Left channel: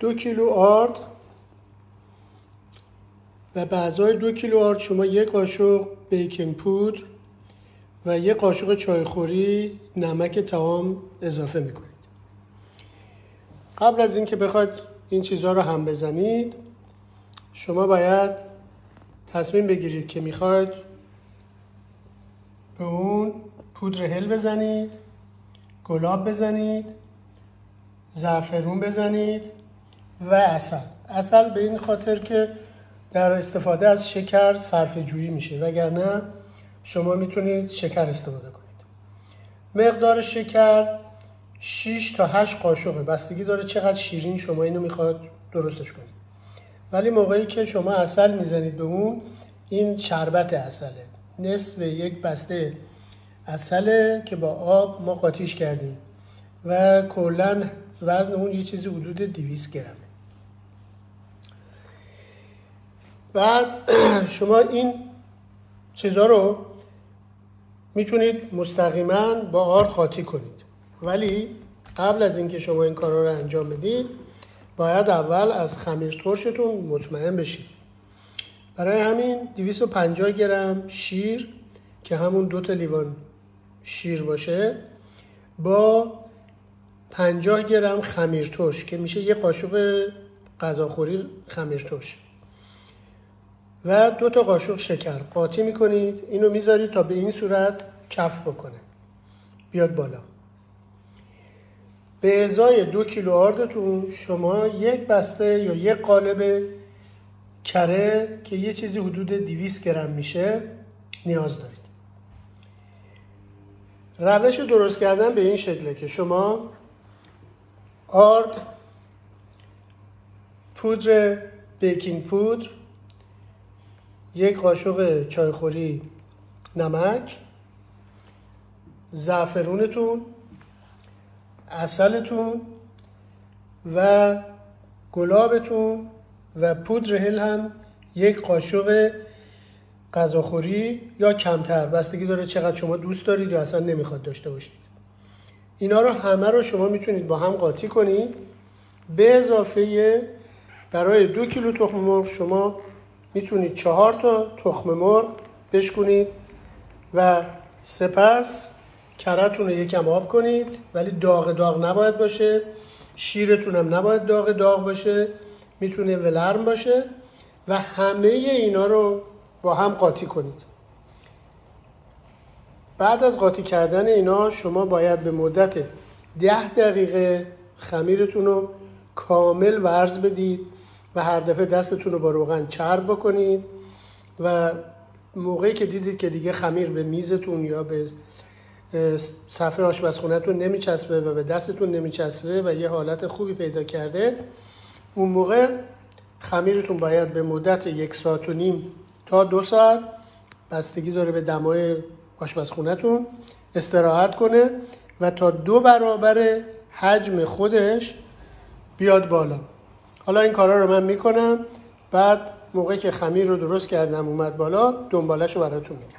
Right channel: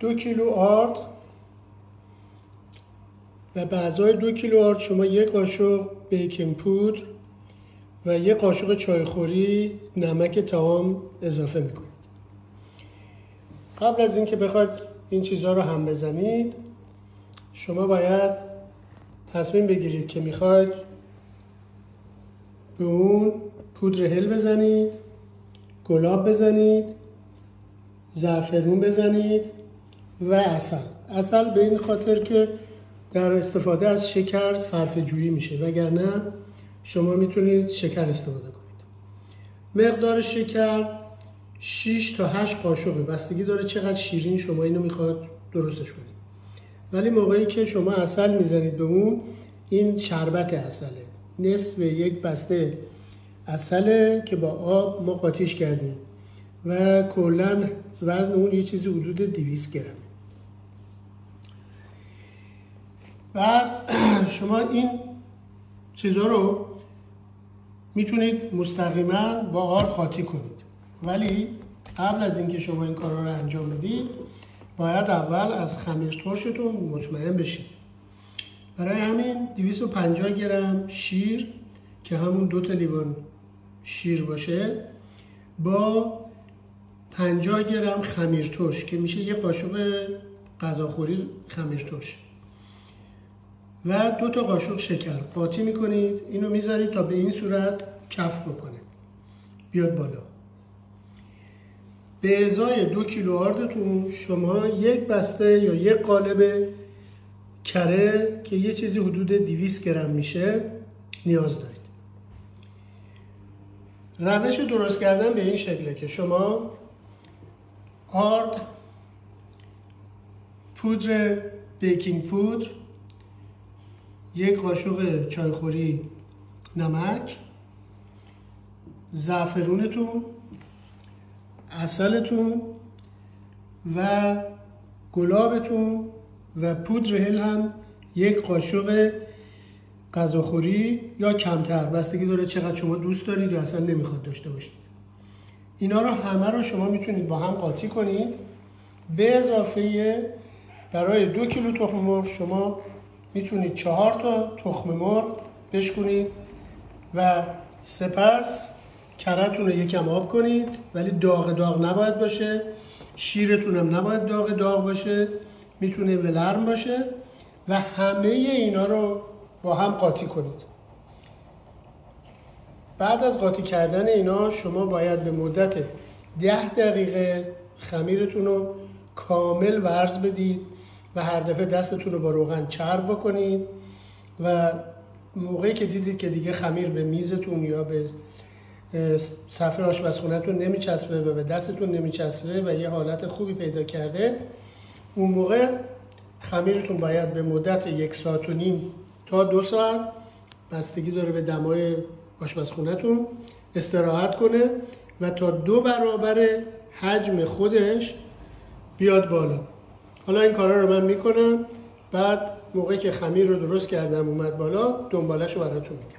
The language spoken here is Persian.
2 کیلو آرد و به ازای 2 کیلو آرد شما 1 قاشق بیکینگ پودر و 1 قاشق چایخوری نمک طعام اضافه میکنید. قبل از اینکه بخواید این چیزها رو هم بزنید شما باید تصمیم بگیرید که میخواید به اون پودر هل بزنید، گلاب بزنید، زعفرون بزنید و عسل به این خاطر که در استفاده از شکر صرفه جویی میشه، وگرنه شما میتونید شکر استفاده کنید. مقدار شکر 6 تا 8 قاشقه، بستگی داره چقدر شیرین شما اینو میخواد درستش کنید. ولی موقعی که شما عسل میزنید به اون، این شربت عسله، نصف 1 بسته عسله که با آب ما قاطیش کردیم و کلا وزن اون یه چیزی حدود 200 گرمه. بعد شما این چیزها رو میتونید مستقیما با آرد قاطی کنید، ولی قبل از اینکه شما این کارا رو انجام بدید باید اول از خمیر ترشتون مطمئن بشید. برای همین 250 گرم شیر که همون 2 تا لیوان شیر باشه با 50 گرم خمیر ترش که میشه 1 قاشق غذاخوری خمیر ترش و 2 تا قاشق شکر قاطی میکنید. اینو میذارید تا به این صورت کف بکنه، بیاد بالا. به ازای 2 کیلو آردتون شما 1 بسته یا 1 قالب کره که یه چیزی حدود 200 گرم میشه نیاز دارید. روش درست کردن به این شکله که شما آرد، پودر بیکینگ پودر، 1 قاشق چایخوری نمک، زعفرونتون، عسلتون و گلابتون و پودر هل هم 1 قاشق غذاخوری یا کمتر، بستگی داره چقدر شما دوست دارید یا اصلا نمیخواد داشته باشید. اینا رو همه رو شما میتونید با هم قاطی کنید. به اضافه برای 2 کیلو تخم مرغ شما میتونید 4 تا تخم مرغ بشکنید و سپس کره‌تون رو یکم آب کنید، ولی داغ نباید باشه. شیرتون هم نباید داغ باشه، میتونه ولرم باشه و همه اینا رو با هم قاطی کنید. بعد از قاطی کردن اینا شما باید به مدت 10 دقیقه خمیرتون رو کامل ورز بدید و هر دفعه دستتون رو با روغن چرب بکنید و موقعی که دیدید که دیگه خمیر به میزتون یا به صفحه آشپزخونه‌تون نمیچسبه و به دستتون نمیچسبه و یه حالت خوبی پیدا کرده، اون موقع خمیرتون باید به مدت 1.5 ساعت تا 2 ساعت، بستگی داره به دمای آشپزخونه‌تون، استراحت کنه و تا 2 برابر حجم خودش بیاد بالا. حالا این کارا رو من میکنم، بعد موقعی که خمیر رو درست کردم اومد بالا دنبالش رو براتون میگم.